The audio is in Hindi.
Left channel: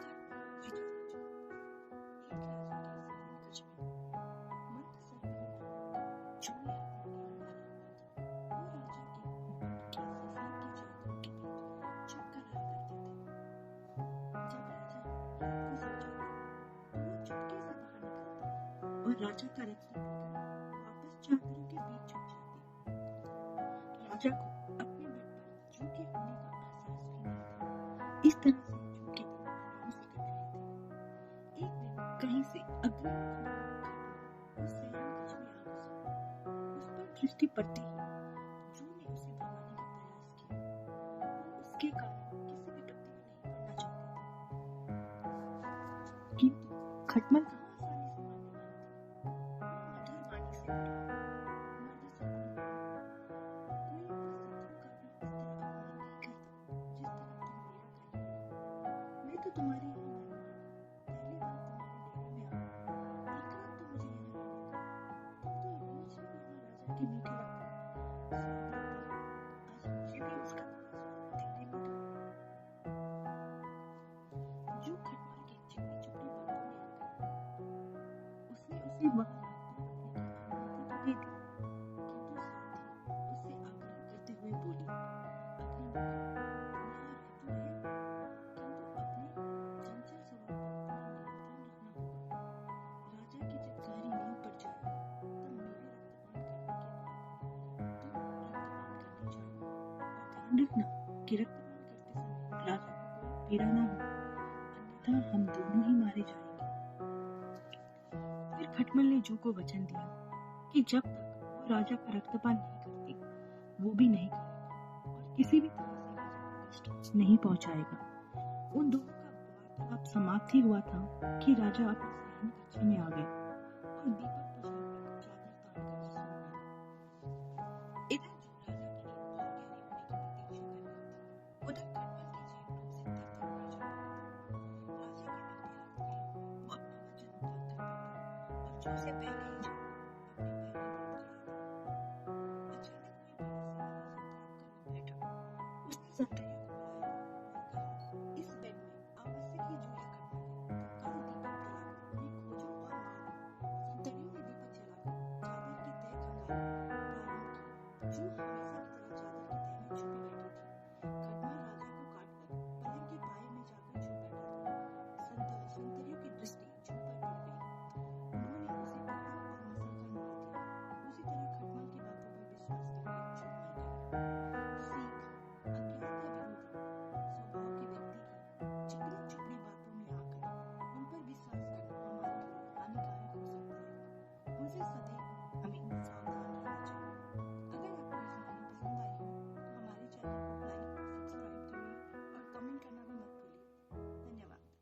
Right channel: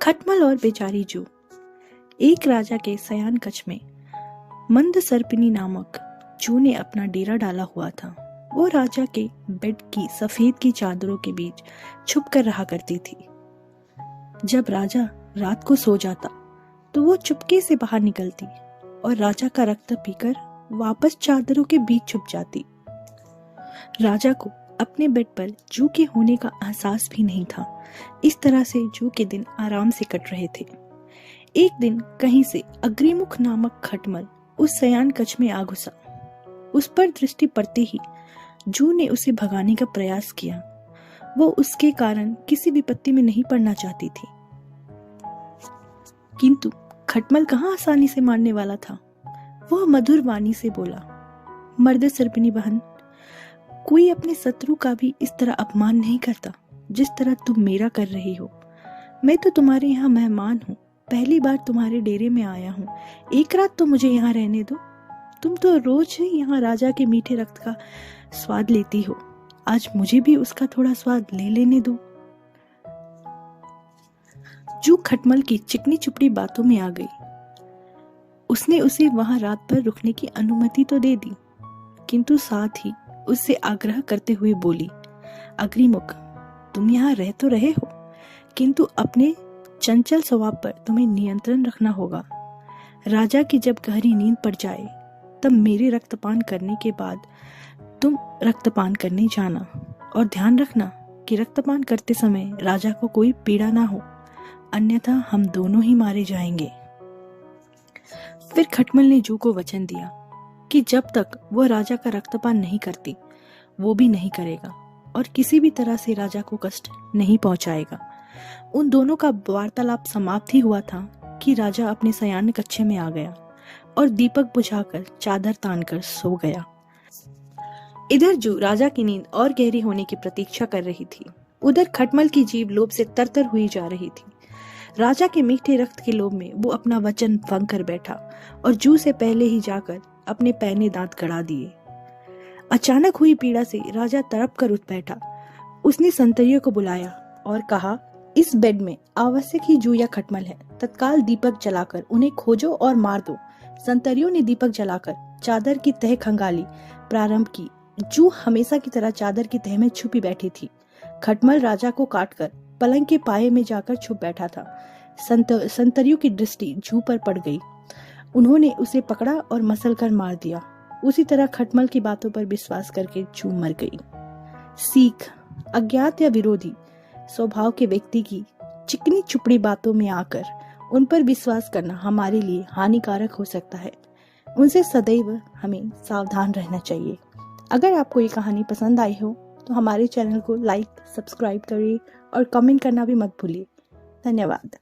खटमल और बेचारी जू। एक राजा के शयन कक्ष में मंद सर्पिनी नामक जू ने अपना डेरा डाला हुआ था। वो राजा के बेड की सफेद की चादरों के बीच छुप कर रहा करती थी। जब राजा रात को सो जाता तो वो चुपके से बाहर निकलती और राजा का रक्त पीकर वापस चादरों के बीच छुप जाती। राजा को अपने बेड पर जू के होने का एहसास भी नहीं था। इस तरह से जू के दिन आराम से कट रहे थे। एक दिन कहीं से अग्निमुख नामक खटमल उस शयन कक्ष में आ घुसा। उस पर दृष्टि पड़ते ही जू ने उसे भगाने का प्रयास किया। वो उसके कारण किसी विपत्ति में नहीं पड़ना चाहती थी, किंतु खटमल कहाँ आसानी से मारने वाला था। वह मधुर वाणी से बोला, मर्द सर्पिनी बहन, कोई अपने शत्रु का भी इस तरह अपमान नहीं करता जिस तरह तुम मेरा कर रही हो। मैं तो तुम्हारे यहाँ मेहमान हूँ, पहली बार तुम्हारे डेरे में आया हूँ। एक रात तो मुझे यहाँ रहने दो। तुम तो रोज ही यहाँ राजा के मीठे रक्त का स्वाद लेती हो, आज मुझे भी उसका थोड़ा स्वाद ले लेने दो। जू खटमल की चिकनी चुपड़ी बातों में आ गई। उसने उसे वहां रात भर रुकने की अनुमति तो दे दी, किंतु साथ ही उससे आग्रह करते हुए बोली, अग्निमुख, तुम यहाँ रह तो रहे हो, किंतु अपने चंचल स्वभाव पर तुम्हें नियंत्रण रखना होगा। राजा की जब गहरी नींद पड़ जाए तब मेरे रक्तपान करने के बाद तुम रक्तपान करने जाना, और ध्यान रखना कि रक्तपान करते समय राजा को कोई पीड़ा ना हो, अन्यथा हम दोनों ही मारे जाएंगे। फिर खटमल ने जू को वचन दिया कि जब तक वह राजा का रक्तपान नहीं करती वो भी नहीं करेगा और किसी भी तरह से राजा को कष्ट नहीं पहुंचाएगा। उन दोनों का वार्तालाप समाप्त ही हुआ था कि राजा अपने शयन कक्ष में आ गया और दीपक बुझाकर चादर तानकर सो गया। इधर जू राजा की नींद और गहरी होने की प्रतीक्षा कर रही थी। उधर खटमल की जीभ लोभ से तरतर हुई जा रही थी। राजा के मीठे रक्त के लोभ में वो अपना वचन भंग कर बैठा और जू से पहले ही जाकर अपने पैने दांत गड़ा दिए। अचानक हुई पीड़ा से राजा तड़प कर उठ बैठा। उसने संतरियों को बुलाया और कहा, इस बेड में आवश्यक ही जू या खटमल है, तत्काल दीपक जलाकर उन्हें खोजो और मार दो। संतरियों ने दीपक जलाकर चादर की तह खंगाली प्रारंभ की। जू हमेशा की तरह चादर की तह में छुपी बैठी थी। खटमल राजा को काटकर पलंग के पाए में जाकर छुप बैठा था। संतरियों की दृष्टि जू पर पड़ गई। उन्होंने उसे पकड़ा और मसल कर मार दिया। उसी तरह खटमल की बातों पर विश्वास करके जू मर गई। सीख, अज्ञात या विरोधी स्वभाव के व्यक्ति की चिकनी चुपड़ी बातों में आकर उन पर विश्वास करना हमारे लिए हानिकारक हो सकता है। उनसे सदैव हमें सावधान रहना चाहिए। अगर आपको ये कहानी पसंद आई हो तो हमारे चैनल को लाइक, सब्सक्राइब करिए और कमेंट करना भी मत भूलिए। धन्यवाद।